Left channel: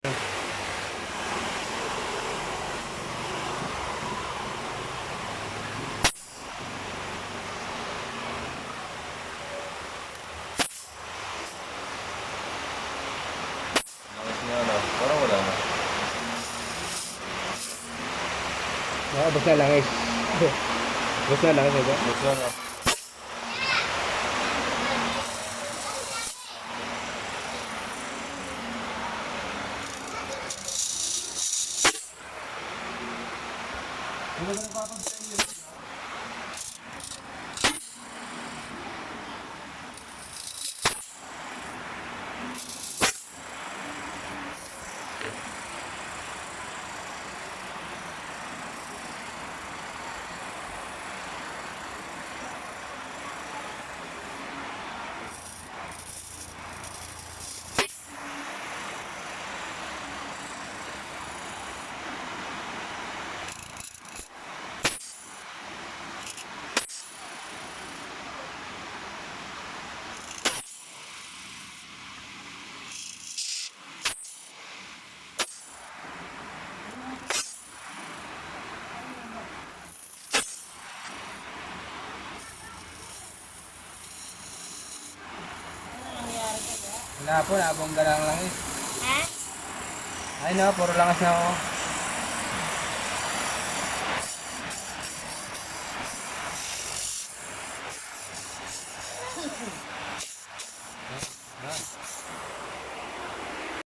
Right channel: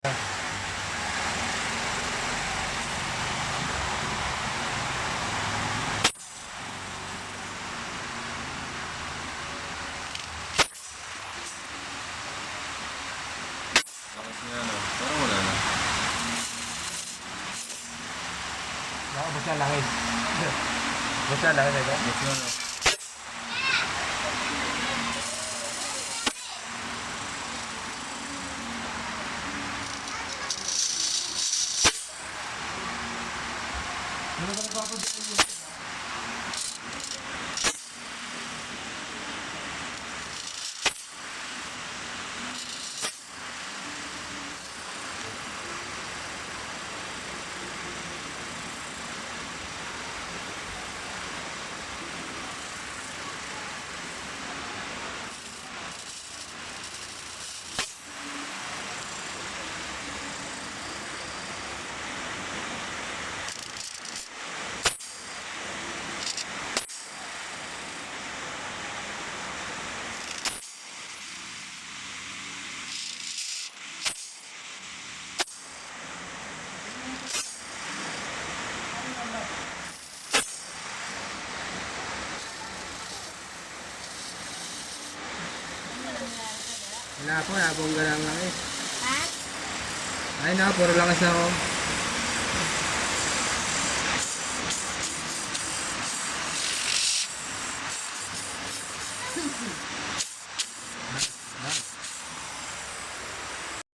Langis niya na. Parang wala na. Nakabos na langis. Bus na langis ito. Basta na. Ano ba napapansin niyo? Wala po, nabongga lang langis. Ha? Ay na, puro langis na ako.